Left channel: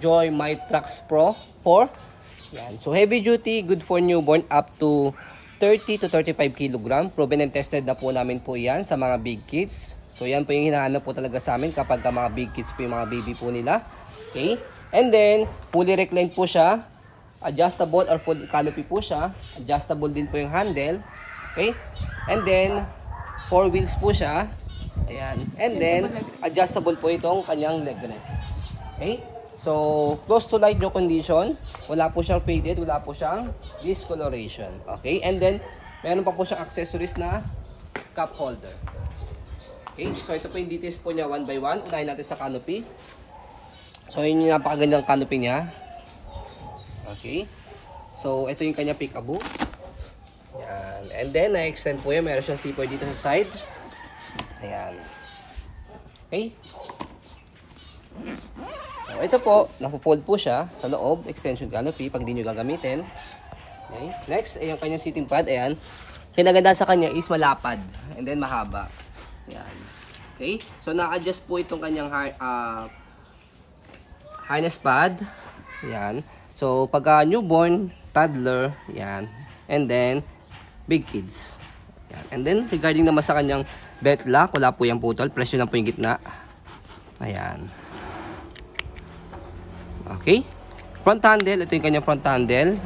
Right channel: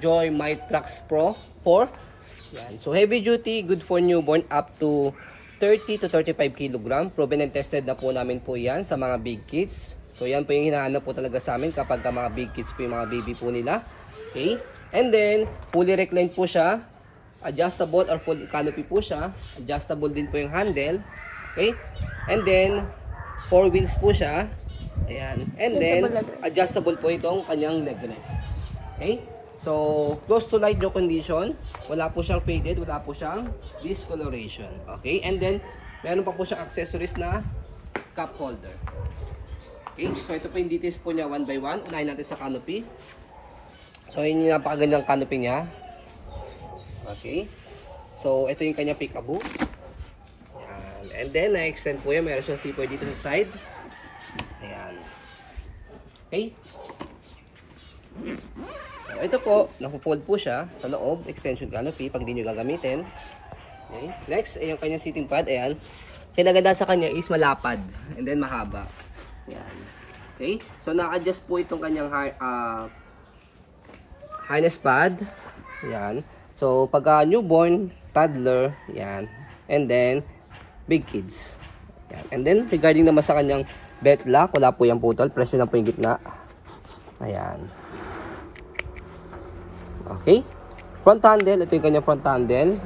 Joy Mitrax Pro 4. Yan. So heavy duty, good for newborn up to 30 to 35 kg. Proven and tested na po namin po yan sa mga big kids. So yan po yung hinahanap po talaga sa amin kapag mga big kids po yung mga baby po nila. Okay? And then, fully reclined po siya. Adjustable or full canopy po siya. Adjustable din po yung handle. Okay? And then, 4 wheels po siya. Ayan. And then, adjustable po itong kanyang leg rest. Okay? So, close to light blue condition. Wala po siyang faded. Wala po siyang discoloration. Okay? And then, meron pa po siyang accessories na cup holder. Okay? So, ito po yung details po niya one by one. Unahin natin sa canopy. So, yun yung napakagandang canopy niya. Okay. So, ito yung kanya peekaboo. Ayan. And then, na-extend po yan. Meron siyang zipper dito sa side. Ayan. Okay. So, ito po, napo-fold po siya sa loob. Extension canopy pag di nyo gagamitin. Okay. Next, ay yung kanyang seating pad. Ayan. Kinaganda sa kanya is malapad. And then, mahaba. Ayan. Okay. So, na-adjust po itong kanyang harness pad. Ayan. So, pagka newborn, toddler, yan. And then, big kids. Yan. And then, regarding naman sa kanyang belt lock, wala po yung putol. Presyo lang po yung gitna. Ayan. Okay. Front handle. Ito yung kanyang front handle.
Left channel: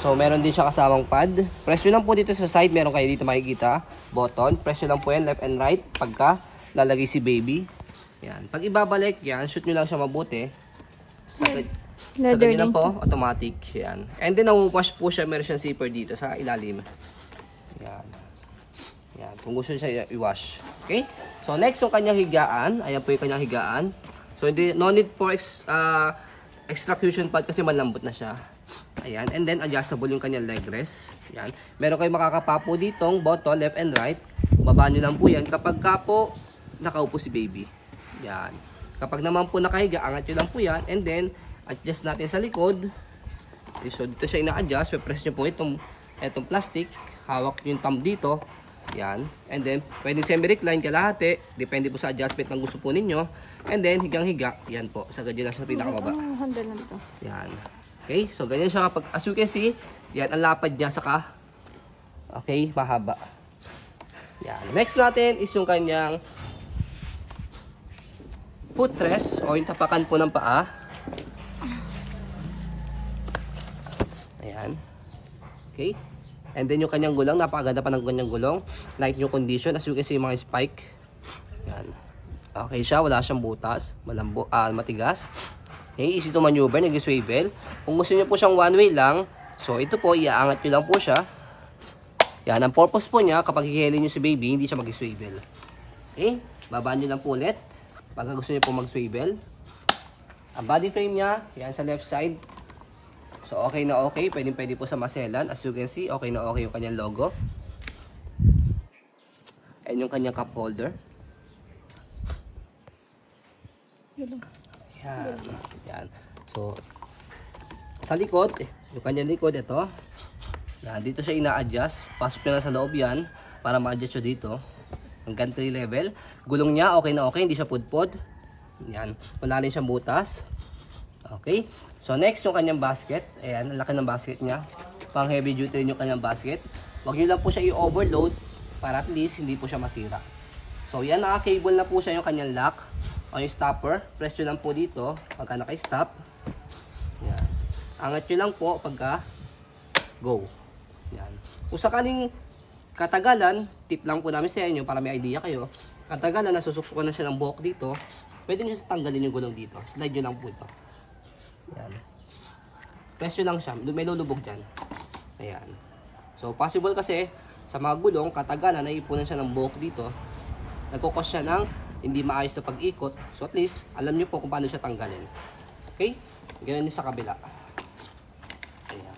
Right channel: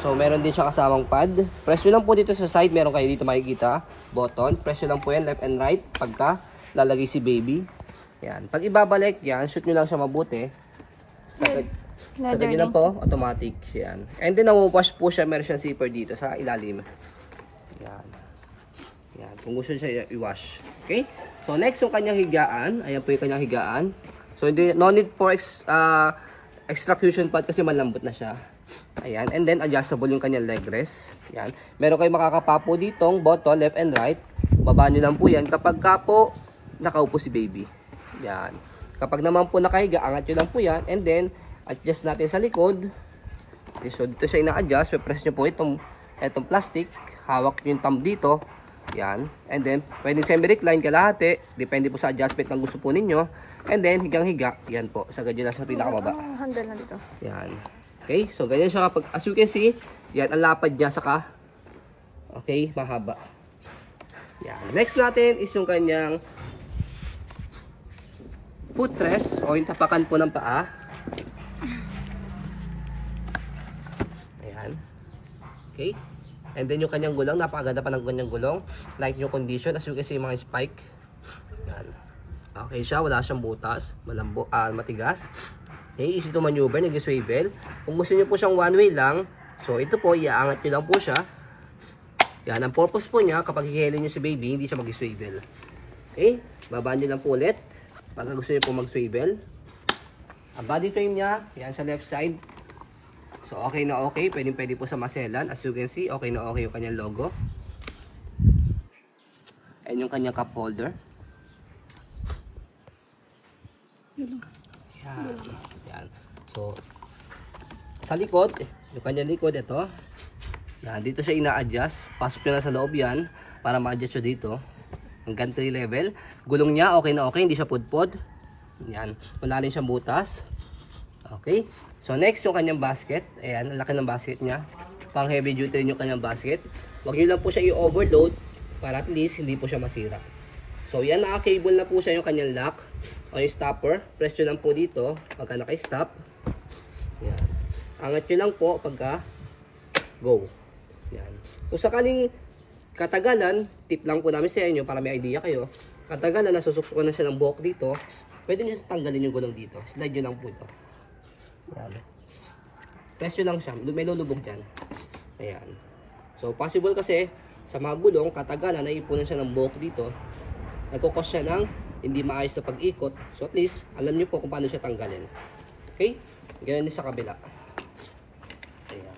So, meron din siya kasamang pad. Presyo lang po dito sa side. Meron kayo dito makikita. Button. Presyo lang po yan, left and right. Pagka lalagay si baby. Yan. Pag ibabalik, yan. Shoot nyo lang siya mabuti. Sa ganyan lang po, automatic. Yan. And then, nawawash po siya. Meron siyang zipper dito sa ilalim. Yan. Yan. Kung gusto siya i-wash. Okay? So, next yung kanyang higaan. Ayan po yung kanyang higaan. So, no need for extraction pad kasi malambot na siya. Ayan. And then, adjustable yung kanyang leg rest. Yan. Meron kayo makakapapo ditong button, left and right. Baba nyo lang po yan. Kapag ka po, nakaupo si baby. Yan. Kapag naman po nakahiga, angat nyo lang po yan. And then, adjust natin sa likod. So, dito siya ina-adjust. Press nyo po itong plastic. Hawak nyo yung thumb dito. Yan. And then, pwedeng semi-recline, kalahati. Depende po sa adjustment ng gusto po ninyo. And then, higang-higa. Yan po. Sagad nyo lang sa pinakababa. Handle na dito. Yan. Okay. So, ganyan siya kapag, as you can see, yan, ang lapad niya saka, okay, mahaba. Yan. Next natin is yung kanyang footrest o yung tapakan po ng paa. Ayan. Okay. And then yung kanyang gulong, napakaganda pa ng kanyang gulong. Like yung condition, as you can see, mga spike. Ayan. Okay siya, wala siyang butas, matigas. Okay, easy to maneuver, nag-swivel. Kung gusto niyo po siyang one way lang, so ito po, iaangat nyo lang po siya. Yan, ang purpose po niya, kapag hihilin nyo si baby, hindi siya mag-swivel. Okay, babaan nyo lang po ulit. Pagka gusto niyo po mag-swivel. Ang body frame niya, yan sa left side. So, okay na okay. Pwede po sa maselan. As you can see, okay na okay yung kanyang logo. And yung kanyang cup holder. Yan. Yan. So, sa likod, yung kanyang likod, ito. Yan, dito siya ina-adjust. Pasok nyo na sa loob yan para ma-adjust siya dito. Hanggang 3 level. Gulong niya, okay na okay. Hindi siya pudpod. Yan. Wala rin siyang butas. Okay. So, next yung kanyang basket. Ayan, ang laki ng basket niya. Pang heavy duty rin yung kanyang basket. Huwag nyo lang po siya i-overload para at least hindi po siya masira. So, yan, naka-cable na po siya yung kanyang lock o yung stopper. Press nyo lang po dito pagka naka-stop. Yan. Angat nyo lang po pagka go. Yan. Kung sakaling katagalan, tip lang po namin sa inyo para may idea kayo. Katagalan, nasusuksukan na siya ng buhok dito. Pwede nyo tanggalin yung gulong dito. Slide nyo lang po ito. Yan. Press nyo lang siya. May lulubog dyan. Ayan. So, possible kasi sa mga gulong, katagalan, naipunan siya ng buhok dito. Nagkukos siya ng hindi maayos na pag-ikot. So, at least, alam nyo po kung paano siya tanggalin. Okay? Ganyan din sa kabila. Ayan.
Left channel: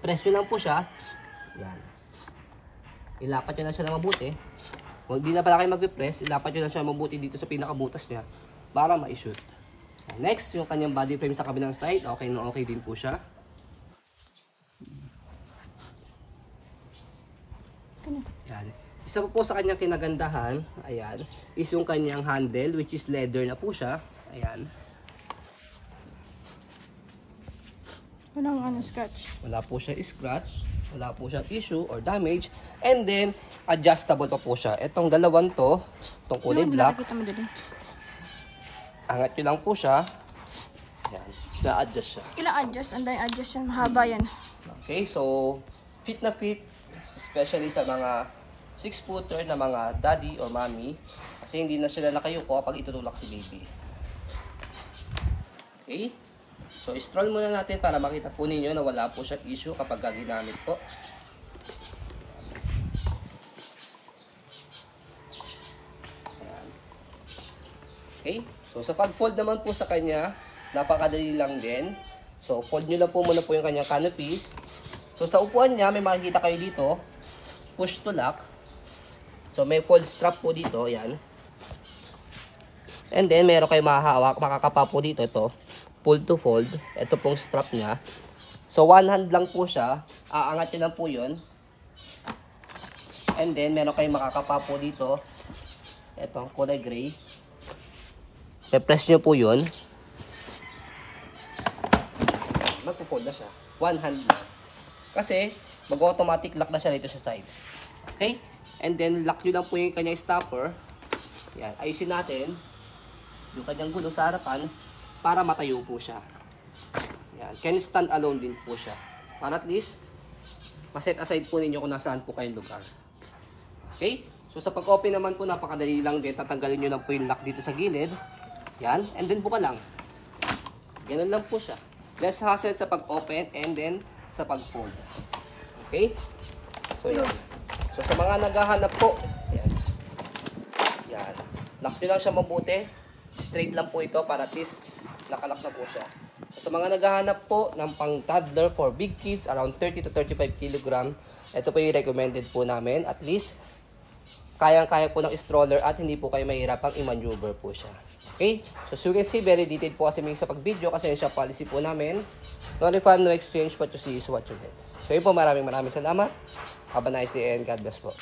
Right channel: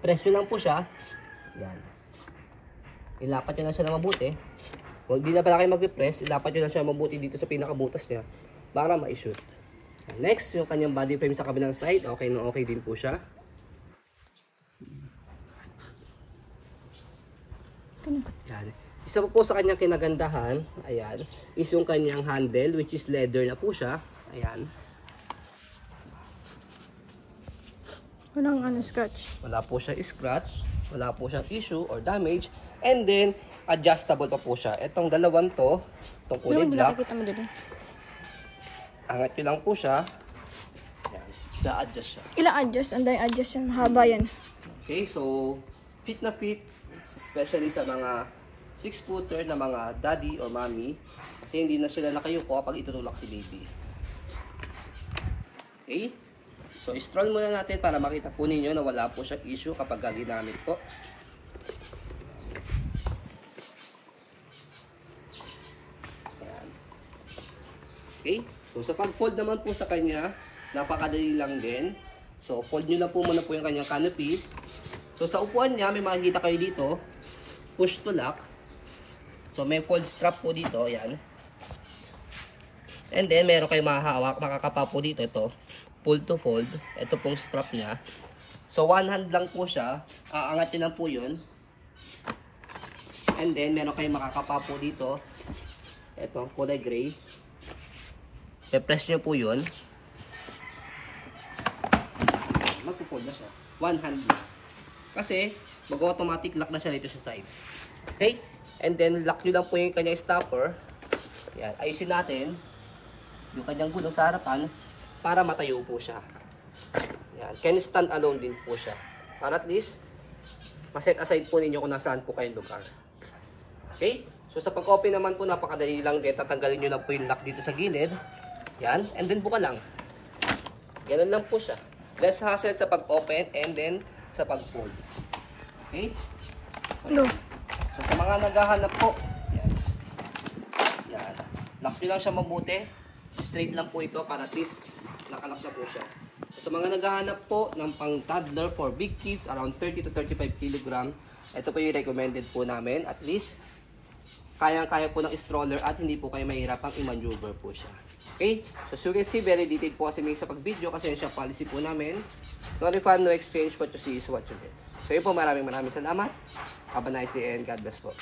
Press nyo lang po siya. Yan. Ilapat nyo na siya na mabuti. Kung di na pala kayo mag-press, ilapat nyo na siya mabuti dito sa pinakabutas niya para ma-shoot. Next, yung kanyang body frame sa kabilang side. Okay na okay din po siya. Yan. Isa po sa kanyang kinagandahan, ayan, is yung kanyang handle, which is leather na po siya. Ayan. Walang ano, scratch. Wala po siya scratch, wala po siyang issue or damage, and then adjustable pa po siya. Itong dalawang to, itong kulay Hindi black, nakikita mo dito. angat nyo lang po siya. I-adjust siya. Ilang adjust? Anday adjust yan. Mahaba yan. Okay, so fit na fit, especially sa mga 6-footer na mga daddy or mommy, kasi hindi na sila nakayuko kapag itutulak si baby. Okay, so i-stroll muna natin para makita po ninyo na wala po siyang issue kapag ginamit po. Okay, so sa pag-fold naman po sa kanya, napakadali lang din. So fold nyo lang po muna po yung kanyang canopy. So sa upuan niya, may makikita kayo dito, push to lock. So may fold strap po dito, yan. And then meron kayo mahahawak, makakapa po dito, ito, pull to fold. Ito pong strap niya. So one hand lang po siya, aangat nyo lang po yun. And then meron kayo makakapa po dito, ito, kulay gray. I-press nyo po yun. Magpo-fold na siya. One hand na. Kasi, mag-automatic lock na siya dito sa side. Okay? And then, lock nyo lang po yung kanyang stopper. Yan. Ayusin natin yung kanyang gulong sa harapan para matayo po siya. Yan. Can stand alone din po siya. Para at least, maset aside po ninyo kung nasaan po kayong lugar. Okay? So, sa pag-open naman po, napakadali lang din. Tatanggalin nyo lang po yung lock dito sa gilid. Yan. And then, buka lang. Ganun lang po siya. Less hassle sa pag-open and then sa pag-fold. Okay? So, yan. So, sa mga naghahanap po, yan. Yan. Lock nyo lang siya mabuti. Straight lang po ito para at least nakalock na po siya. So, sa mga naghahanap po ng pang toddler for big kids, around 30 to 35 kg, ito po yung recommended po namin. At least, kayang-kaya po ng stroller at hindi po kayo mahirapang i-maneuver po siya. Okay? So, you can see, very detailed po kasi sa pag-video kasi yung siya policy po namin. No refund, no exchange, what you see is what you get. So, yun po, maraming salamat. Have a nice day and God bless po.